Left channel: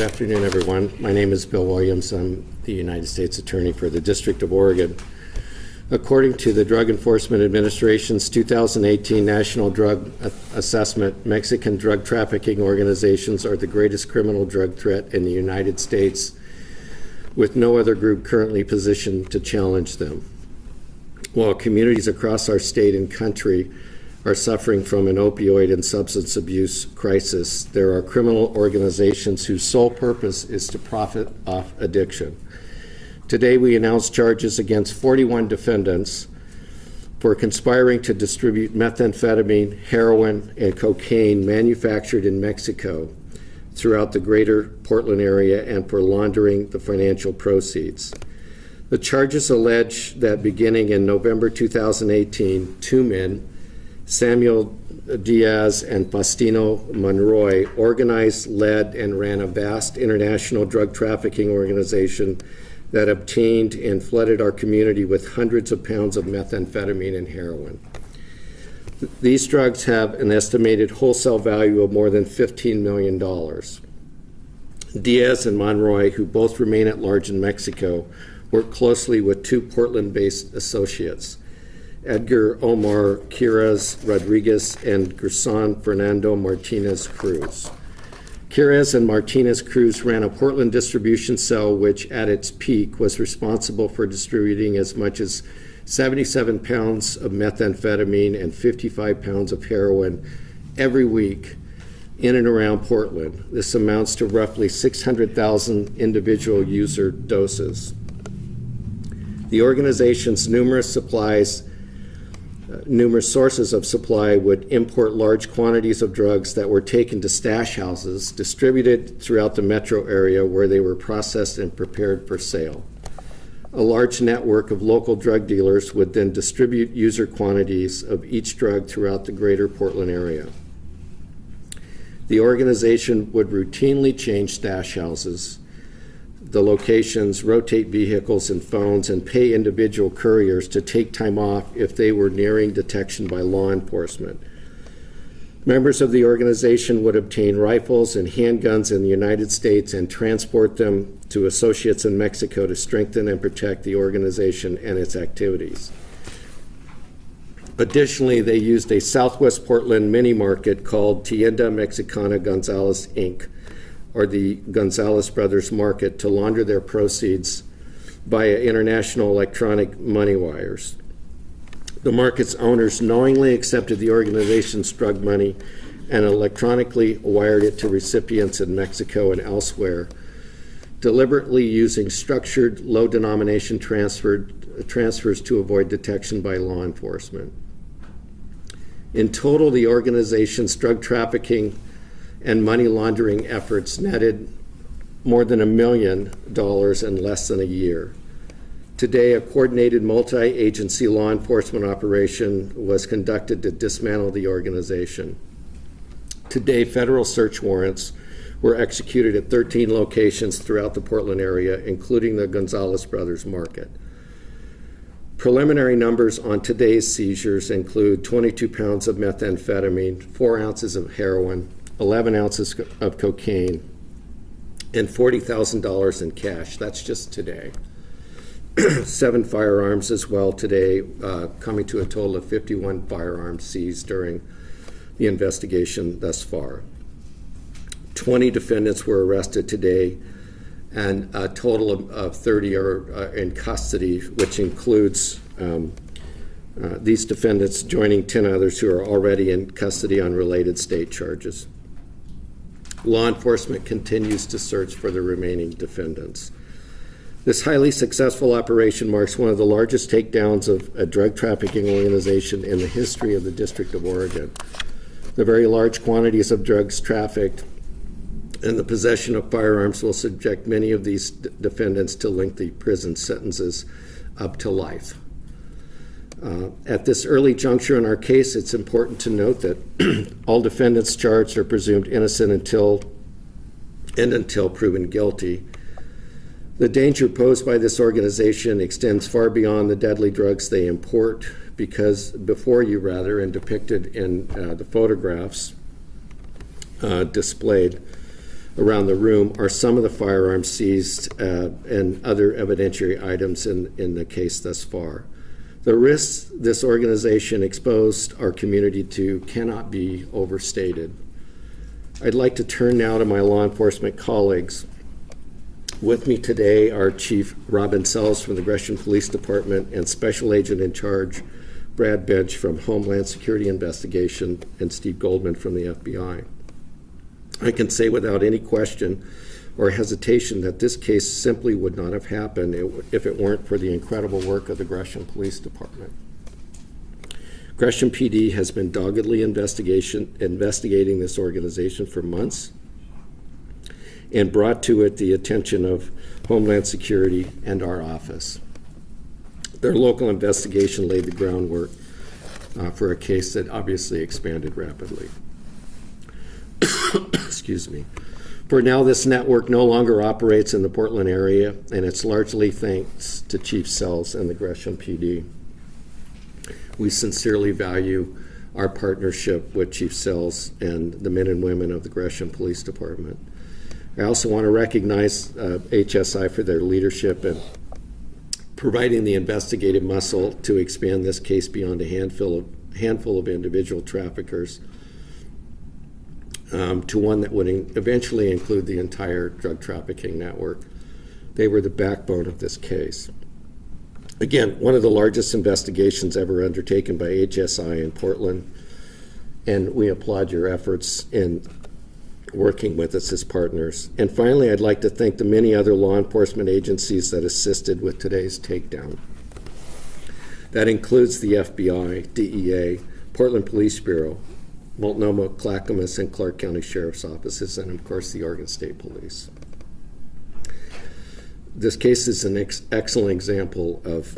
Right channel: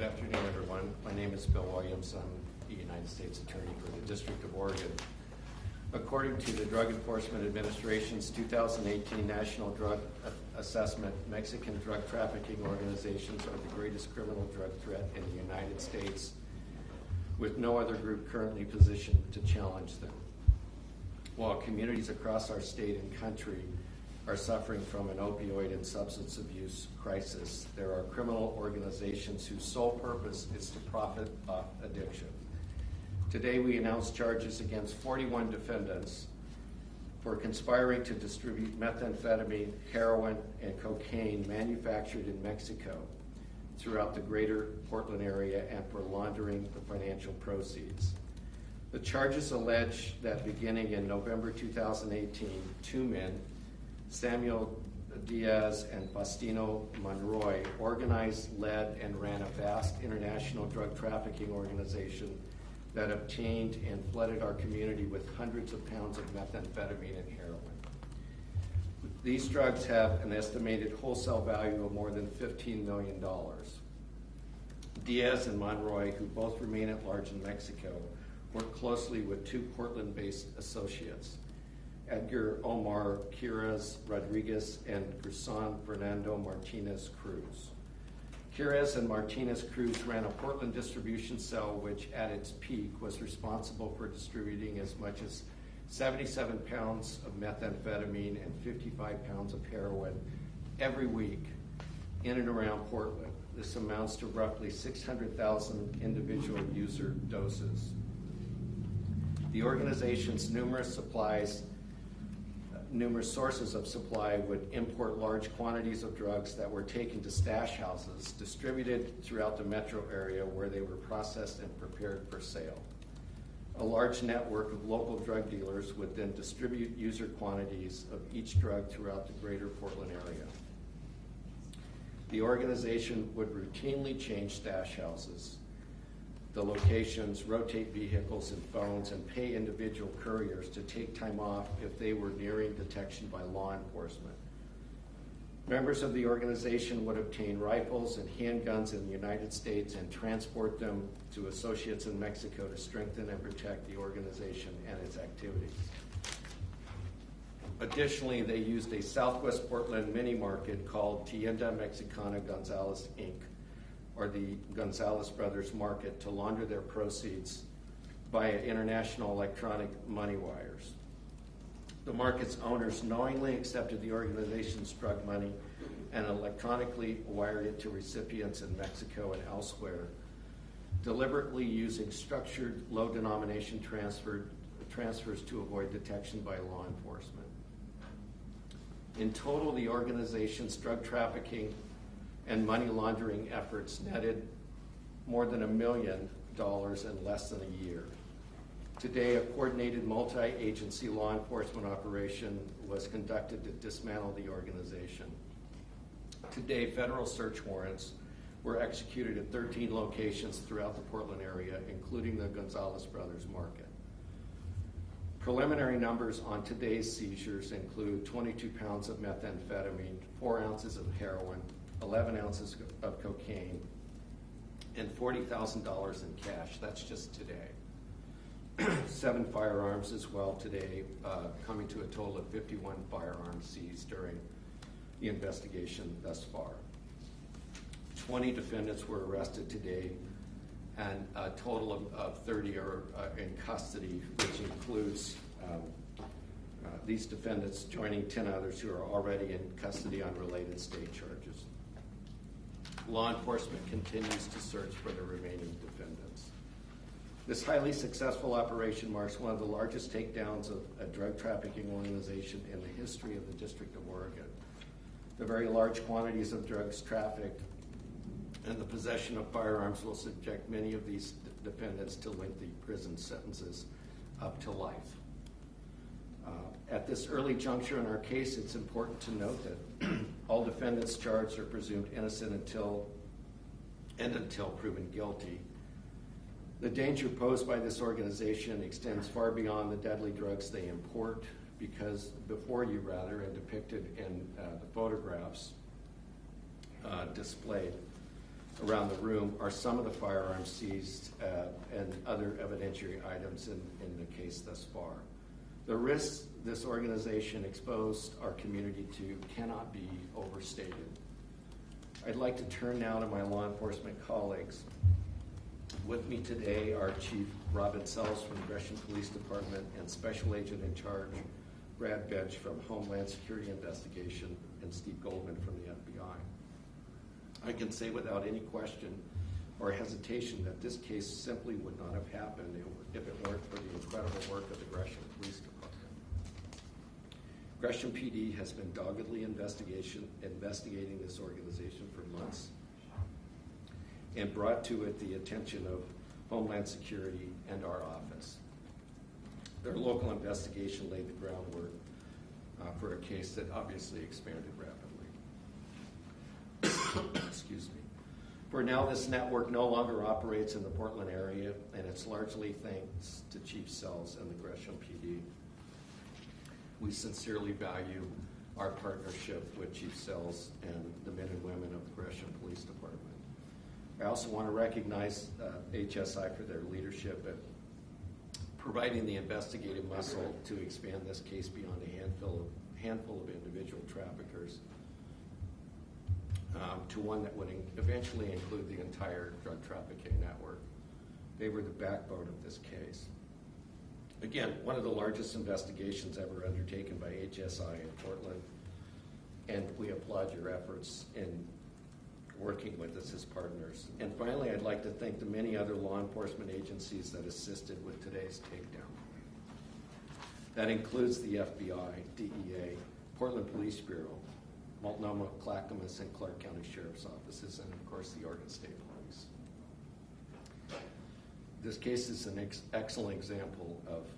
Good afternoon, everyone. My name is Bill Williams. I'm the United States Attorney for the District of Oregon. According to the Drug Enforcement Administration's 2018 National Drug Assessment, Mexican drug trafficking organizations are the greatest criminal drug threat in the United States, with no other group currently positioned to challenge them. While communities across our state and country are suffering from an opioid and substance abuse crisis, there are criminal organizations whose sole purpose is to profit off addiction. Today we announced charges against 41 defendants for conspiring to distribute methamphetamine, heroin, and cocaine manufactured in Mexico throughout the greater Portland area and for laundering the financial proceeds. The charges allege that beginning in November 2018, two men, Samuel Diaz and Faustino Monroy, organized, led, and ran a vast international drug trafficking organization that obtained and flooded our community with hundreds of pounds of methamphetamine and heroin. These drugs have an estimated wholesale value of more than $15 million. Diaz and Monroy, who both remain at large in Mexico, worked closely with two Portland-based associates, Edgar Omar Quiraz Rodriguez and Gerson Fernando Martinez Cruz. Quiraz and Martinez Cruz ran a Portland distribution cell which, at its peak, was responsible for distributing as much as 77 pounds of methamphetamine and 55 pounds of heroin every week in and around Portland. This amounts to roughly 600,000 individual user doses. The organization's numerous sources of supply would import large quantities of drugs that were taken to stash houses, distributed throughout the metro area where they were processed and prepared for sale. A large network of local drug dealers would then distribute user quantities of each drug throughout the greater Portland area. The organization would routinely change stash houses, the locations, rotate vehicles and phones, and pay individual couriers to take time off if they were nearing detection by law enforcement. Members of the organization would obtain rifles and handguns in the United States and transport them to associates in Mexico to strengthen and protect the organization and its activities. Additionally, they used a Southwest Portland mini market called Tienda Mexicana Gonzalez Inc., or the Gonzalez Brothers Market, to launder their proceeds via international electronic money wires. The market's owners knowingly accepted the organization's drug money and electronically wired it to recipients in Mexico and elsewhere, deliberately using structured low-denomination transfers to avoid detection by law enforcement. In total, the organization's drug trafficking and money laundering efforts netted more than $1 million in less than a year. Today, a coordinated multi-agency law enforcement operation was conducted to dismantle the organization. Today, federal search warrants were executed at 13 locations throughout the Portland area, including the Gonzalez Brothers Market. Preliminary numbers on today's seizures include 22 pounds of methamphetamine, 4 ounces of heroin, 11 ounces of cocaine, and $40,000 in cash. That's just today. 7 firearms as well today, coming to a total of 51 firearms seized during the investigation thus far. 20 defendants were arrested today, and a total of 30 are in custody, which includes these defendants joining 10 others who are already in custody on related state charges. Law enforcement continues to search for the remaining defendants. This highly successful operation marks one of the largest takedowns of a drug trafficking organization in the history of the District of Oregon. The very large quantities of drugs trafficked and the possession of firearms will subject many of these defendants to lengthy prison sentences up to life. At this early juncture in our case, it's important to note that all defendants charged are presumed innocent until proven guilty. The danger posed by this organization extends far beyond the deadly drugs they import, because and depicted in the photographs displayed. around the room are some of the firearms seized and other evidentiary items in the case thus far. The risks this organization exposed our community to cannot be overstated. I'd like to turn now to my law enforcement colleagues. With me today are Chief Robin Sells from the Gresham Police Department and Special Agent in Charge Brad Bench from Homeland Security Investigation and Steve Goldman from the FBI. I can say without any question or hesitation that this case simply would not have happened if it weren't for the incredible work of the Gresham Police Department. Gresham PD has been doggedly investigating this organization for months and brought to it the attention of Homeland Security and our office. Their local investigation laid the groundwork for a case that obviously expanded rapidly. Excuse me. For now, this network no longer operates in the Portland area, and it's largely thanks to Chief Sells and the Gresham PD. We sincerely value our partnership with Chief Sells and the men and women of the Gresham Police Department. I also want to recognize HSI for their leadership in providing the investigative muscle to expand this case beyond a handful of individual traffickers to one that would eventually include the entire drug trafficking network. They were the backbone of this case. Again, one of the largest investigations ever undertaken by HSI in Portland, and we applaud your efforts in working with us as partners. And finally, I'd like to thank the many other law enforcement agencies that assisted with today's takedown. That includes the FBI, DEA, Portland Police Bureau, Multnomah, Clackamas, and Clark County Sheriff's Offices, and of course the Oregon State Police. This case is an excellent example of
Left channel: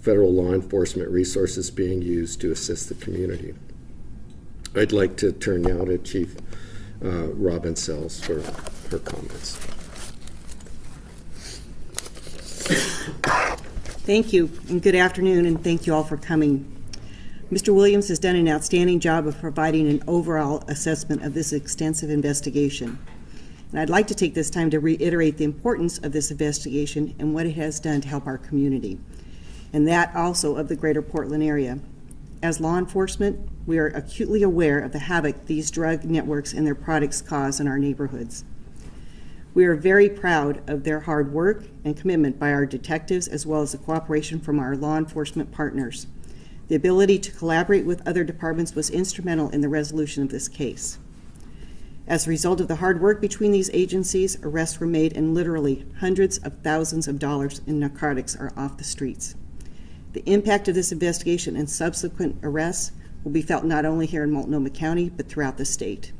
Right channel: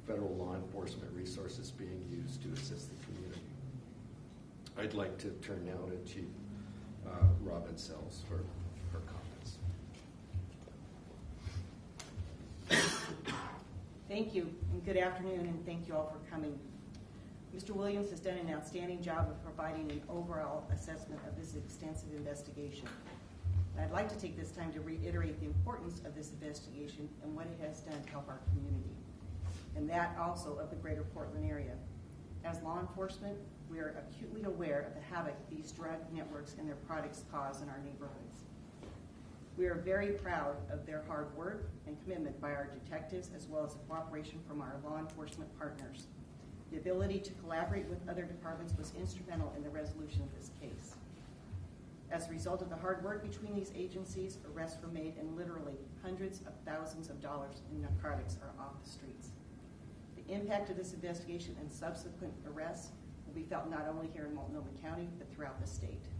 federal law enforcement resources being used to assist the community. I'd like to turn now to Chief Robin Sells for her comments. Thank you, and good afternoon, and thank you all for coming. Mr. Williams has done an outstanding job of providing an overall assessment of this extensive investigation. And I'd like to take this time to reiterate the importance of this investigation and what it has done to help our community, and that also of the greater Portland area. As law enforcement, we are acutely aware of the havoc these drug networks and their products cause in our neighborhoods. We are very proud of their hard work and commitment by our detectives, as well as the cooperation from our law enforcement partners. The ability to collaborate with other departments was instrumental in the resolution of this case. As a result of the hard work between these agencies, arrests were made and literally hundreds of thousands of dollars in narcotics are off the streets. The impact of this investigation and subsequent arrests will be felt not only here in Multnomah County, but throughout the state.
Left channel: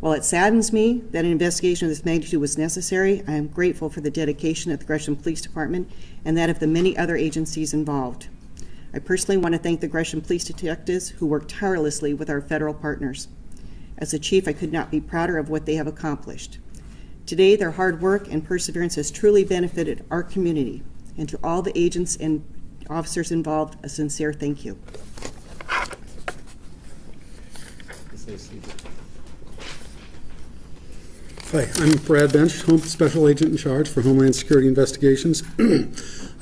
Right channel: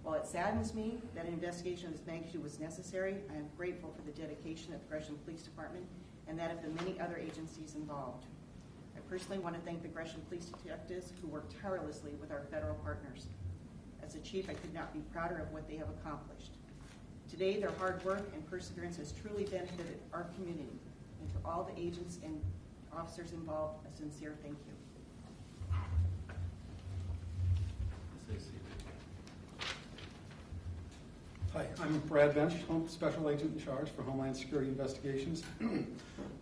While it saddens me that an investigation of this magnitude was necessary, I am grateful for the dedication of the Gresham Police Department and that of the many other agencies involved. I personally want to thank the Gresham Police detectives who work tirelessly with our federal partners. As a chief, I could not be prouder of what they have accomplished. Today, their hard work and perseverance has truly benefited our community, and to all the agents and officers involved, a sincere thank you. Hi, I'm Brad Bench, Special Agent in Charge for Homeland Security Investigations.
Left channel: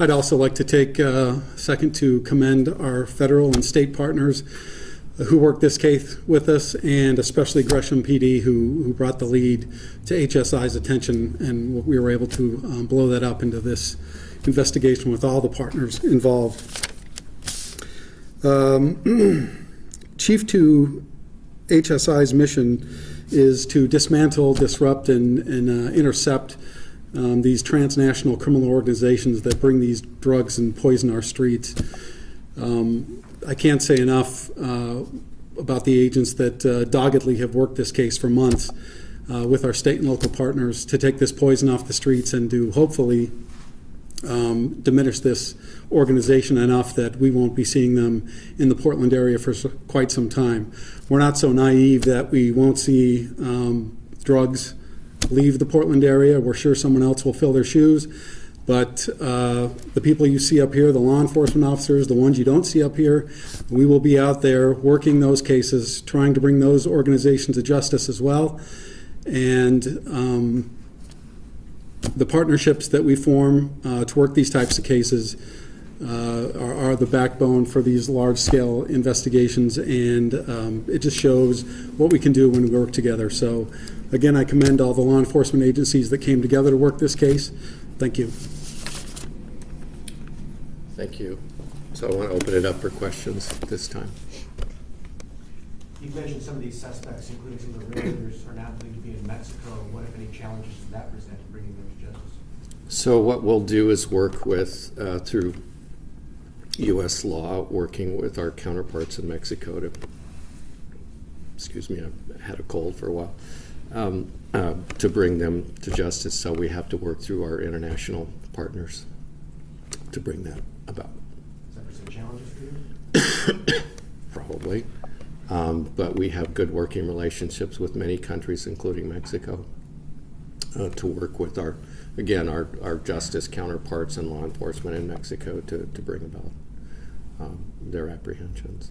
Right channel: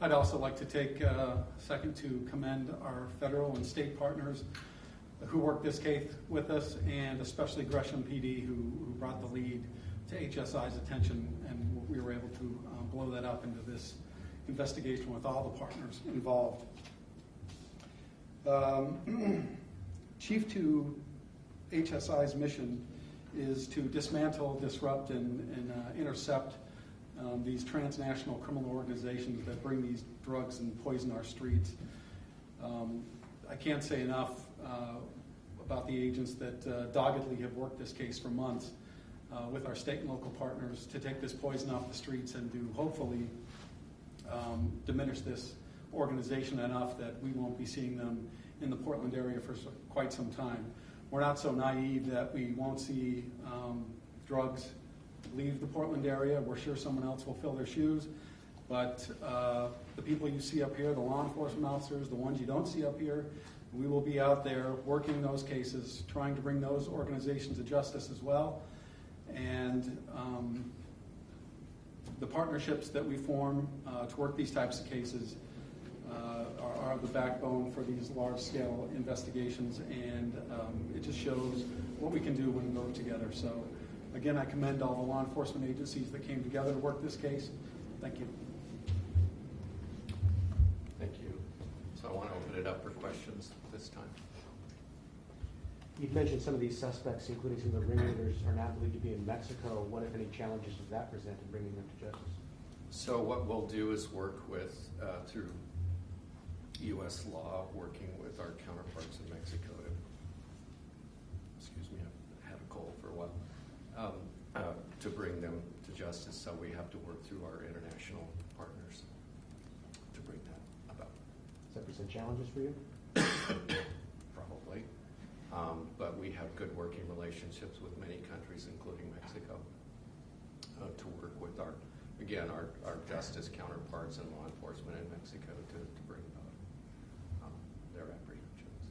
I'd also like to take a second to commend our federal and state partners who worked this case with us, and especially Gresham PD, who brought the lead to HSI's attention, and we were able to blow that up into this investigation with all the partners involved. Chief to HSI's mission is to dismantle, disrupt, and intercept these transnational criminal organizations that bring these drugs and poison our streets. I can't say enough about the agents that doggedly have worked this case for months with our state and local partners to take this poison off the streets and to hopefully diminish this organization enough that we won't be seeing them in the Portland area for quite some time. We're not so naive that we won't see drugs leave the Portland area. We're sure someone else will fill their shoes. But the people you see up here, the law enforcement officers, the ones you don't see up here, we will be out there working those cases, trying to bring those organizations to justice as well. And the partnerships that we form to work these types of cases are the backbone for these large-scale investigations, and it just shows what we can do when we work together. So, again, I commend all the law enforcement agencies that came together to work this case. Thank you. Thank you. So I want to open it up for questions at this time. You mentioned some of these suspects, including some of the realtors, are now believed to be in Mexico. What, if any, challenges does that present to bringing them to justice? So what we'll do is work with, through U.S. law, working with our counterparts in Mexico to, excuse me, I've had a cold for a while, to bring them to justice. So we have to work through our international partners to bring that about. Does that present challenges for you? Probably. But we have good working relationships with many countries, including Mexico, to work with our justice counterparts and law enforcement in Mexico to bring about their apprehensions.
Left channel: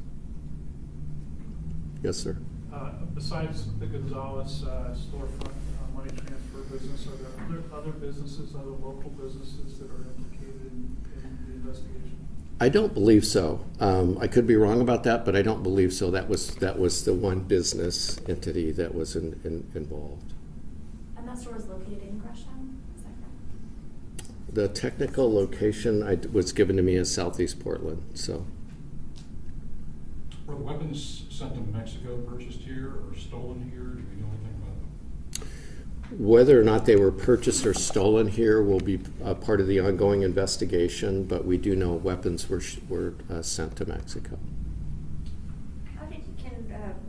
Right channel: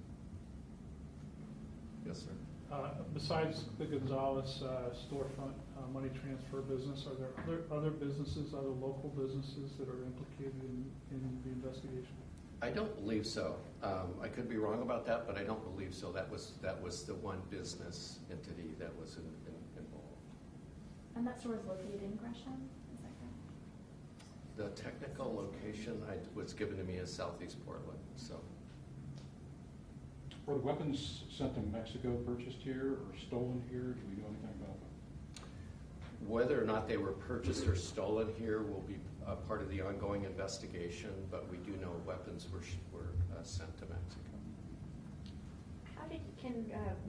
Yes, sir. Besides the Gonzalez storefront money transfer business, are there other businesses, other local businesses that are implicated in the investigation? I don't believe so. I could be wrong about that, but I don't believe so. That was the one business entity that was involved. And that store is located in Gresham, is that correct? The technical location was given to me as Southeast Portland. So. Were the weapons sent to Mexico, purchased here, or stolen here? Do we know anything about them? Whether or not they were purchased or stolen here will be a part of the ongoing investigation, but we do know weapons were sent to Mexico. How did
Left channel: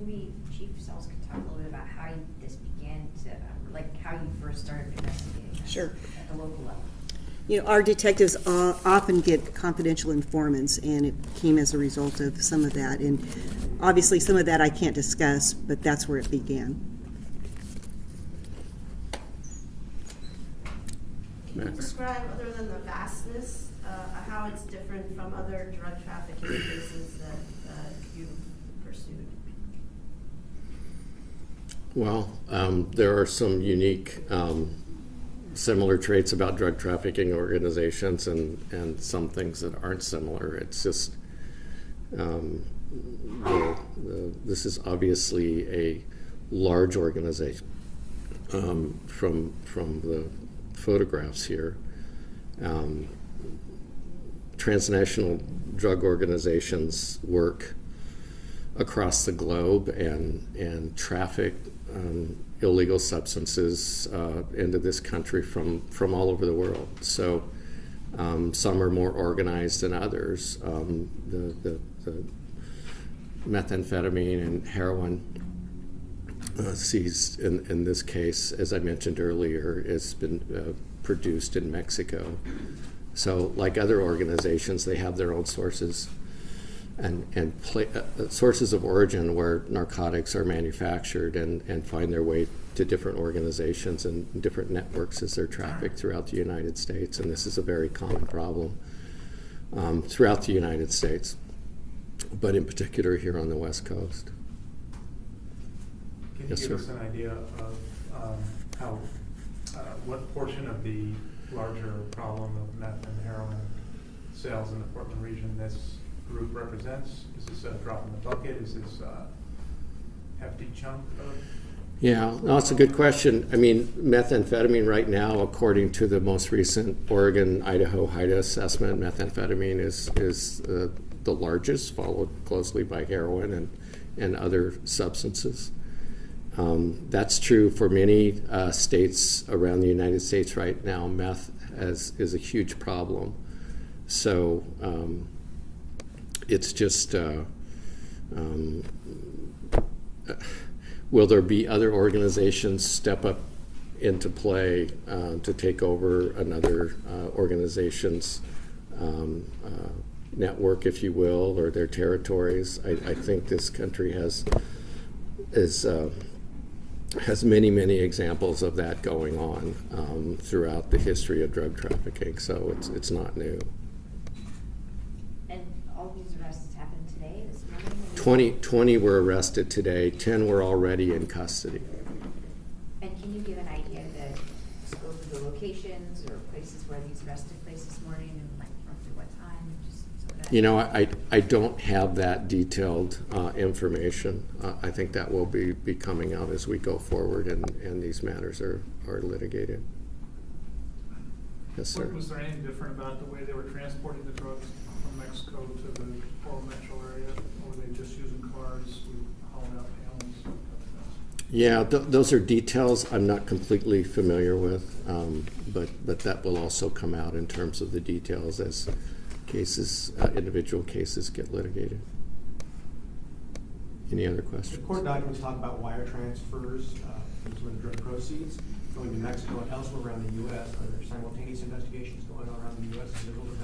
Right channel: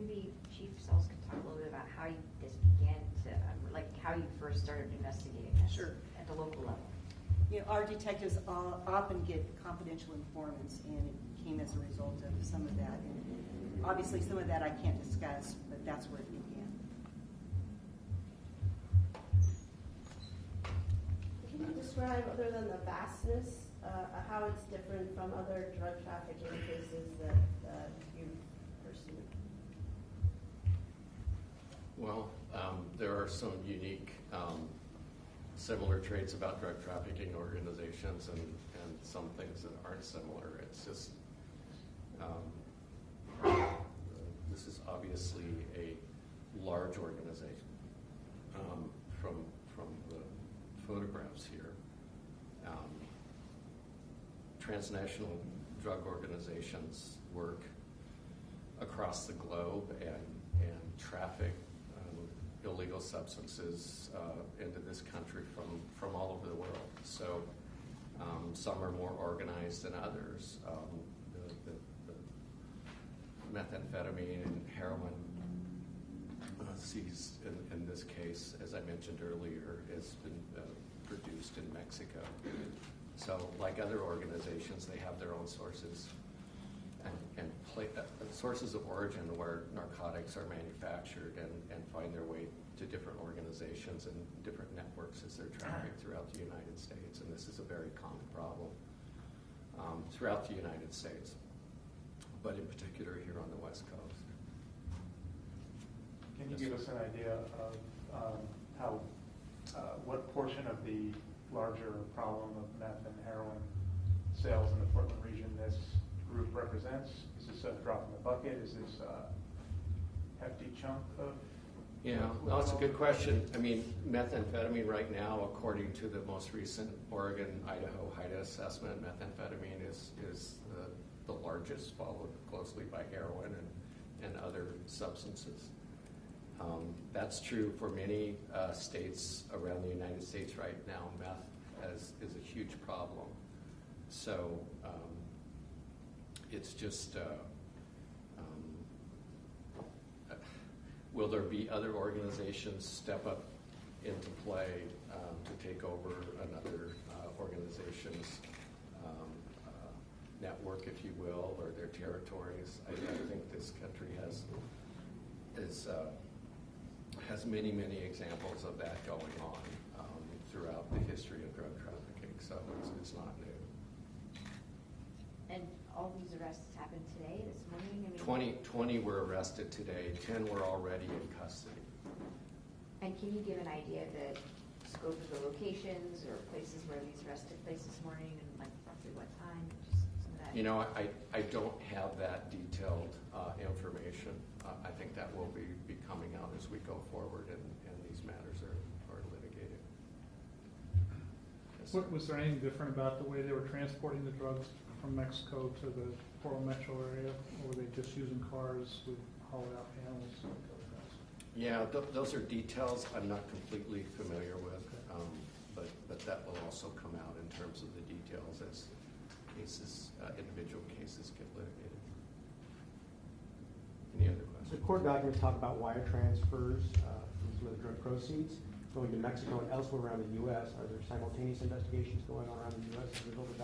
maybe Chief Sells could talk a little bit about how this began to, how you first started investigating this Sure. at the local level? You know, our detectives often get confidential informants, and it came as a result of some of that. And obviously some of that I can't discuss, but that's where it began. Can you describe, other than the vastness, how it's different from other drug trafficking cases that you've pursued? Well, there are some unique similar traits about drug trafficking organizations and some things that aren't similar. It's just, this is obviously a large organization from the photographs here. Transnational drug organizations work across the globe and traffic illegal substances into this country from all over the world. So some are more organized than others. The methamphetamine and heroin seized in this case, as I mentioned earlier, has been produced in Mexico. So like other organizations, they have their own sources and sources of origin where narcotics are manufactured and find their way to different organizations and different networks as they're trafficked throughout the United States. And this is a very common problem throughout the United States, but in particular here on the West Coast. Can you Yes, give sir. us an idea of how, what portion of the larger problem of meth and heroin sales in the Portland region this group represents? Is this a drop in the bucket? Is this a hefty chunk of? Yeah, no, it's a good question. I mean, methamphetamine right now, according to the most recent Oregon-Idaho HIDA assessment, methamphetamine is the largest, followed closely by heroin and other substances. That's true for many states around the United States right now. Meth is a huge problem. So it's just, will there be other organizations step up into play to take over another organization's network, if you will, or their territories? I think this country has many examples of that going on throughout the history of drug trafficking, so it's not new. And all these arrests happened today, this morning? 20 were arrested today, 10 were already in custody. And where these arrests took place this morning and like roughly what time? Just some of that. You know, I don't have that detailed information. I think that will be coming out as we go forward and these matters are litigated. Yes, sir. Was there anything different about the way they were transporting the drugs from Mexico to the Coral Metro area? Or were they just using cars with hauling out panels? Yeah, those are details I'm not completely familiar with, but that will also come out in terms of the details as cases, individual cases get litigated. Any other The questions? court documents talk about wire transfers from some of the drug proceeds going to Mexico and elsewhere around the U.S. Are there simultaneous investigations going on around the U.S. as a result of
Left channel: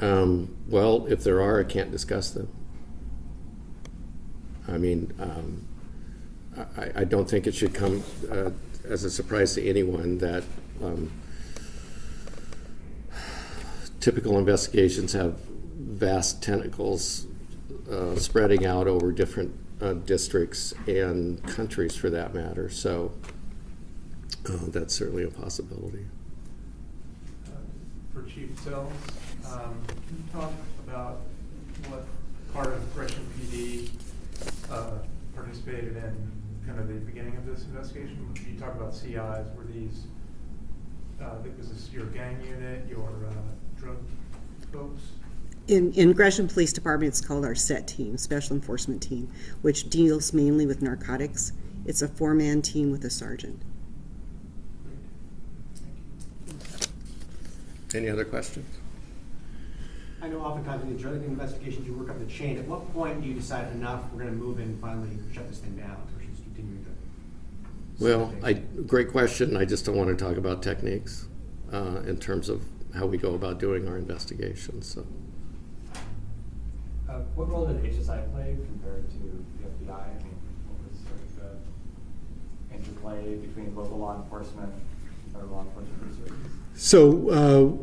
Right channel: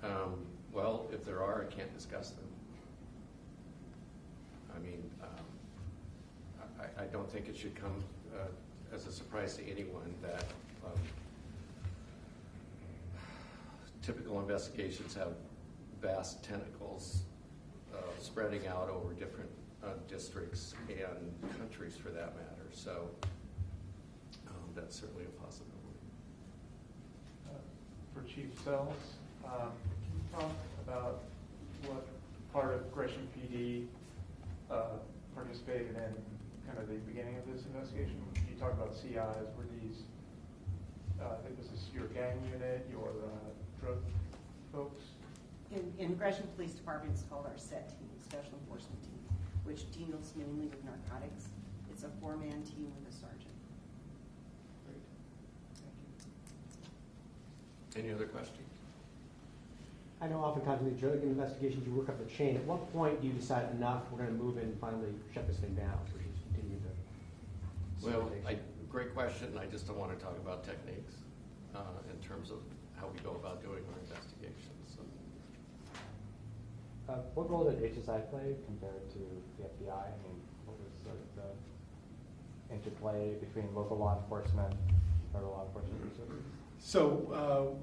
that? Well, if there are, I can't discuss them. I mean, I don't think it should come as a surprise to anyone that typical investigations have vast tentacles spreading out over different districts and countries for that matter. So that's certainly a possibility. For Chief Sells, can you talk about what part of Gresham PD participated in kind of the beginning of this investigation? You talk about CIs. Were these, I think this is your gang unit, your drug folks? In Gresham Police Department, it's called our SET team, Special Enforcement Team, which deals mainly with narcotics. It's a 4-man team with a sergeant. Any other questions? I know oftentimes in the drug investigations you work up the chain. At what point do you decide enough, we're going to move in and finally shut this thing down versus continuing to? Well, great question. I just don't want to talk about techniques in terms of how we go about doing our investigations. So. What role did HSI play compared to the FBI? I mean, what was sort of the interplay between local law enforcement and federal law enforcement resources? So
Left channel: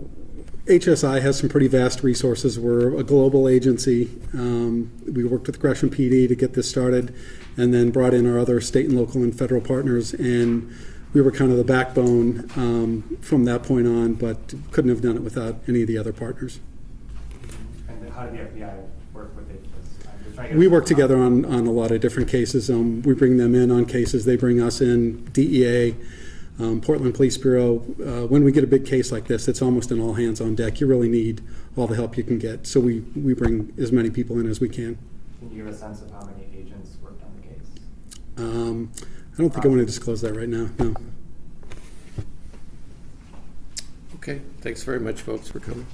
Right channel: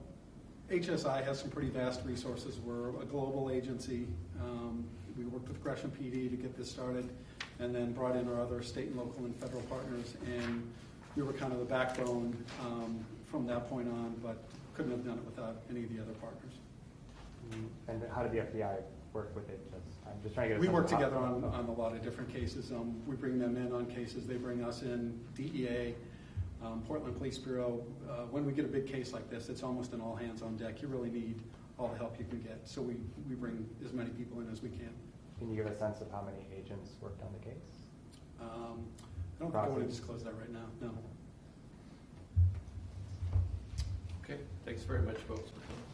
HSI has some pretty vast resources. We're a global agency. We worked with Gresham PD to get this started and then brought in our other state and local and federal partners, and we were kind of the backbone from that point on, but couldn't have done it without any of the other partners. And how did the FBI work with HSI? I'm just trying to get We work together on a lot of different cases. We bring them in on cases, they bring us in, DEA, Portland Police Bureau. When we get a big case like this, it's almost an all hands on deck. You really need all the help you can get. So we bring as many people in as we can. Can you give a sense of how many agents worked on the case? I don't think I want to disclose that right now, no. Okay, thanks very much, folks, for coming.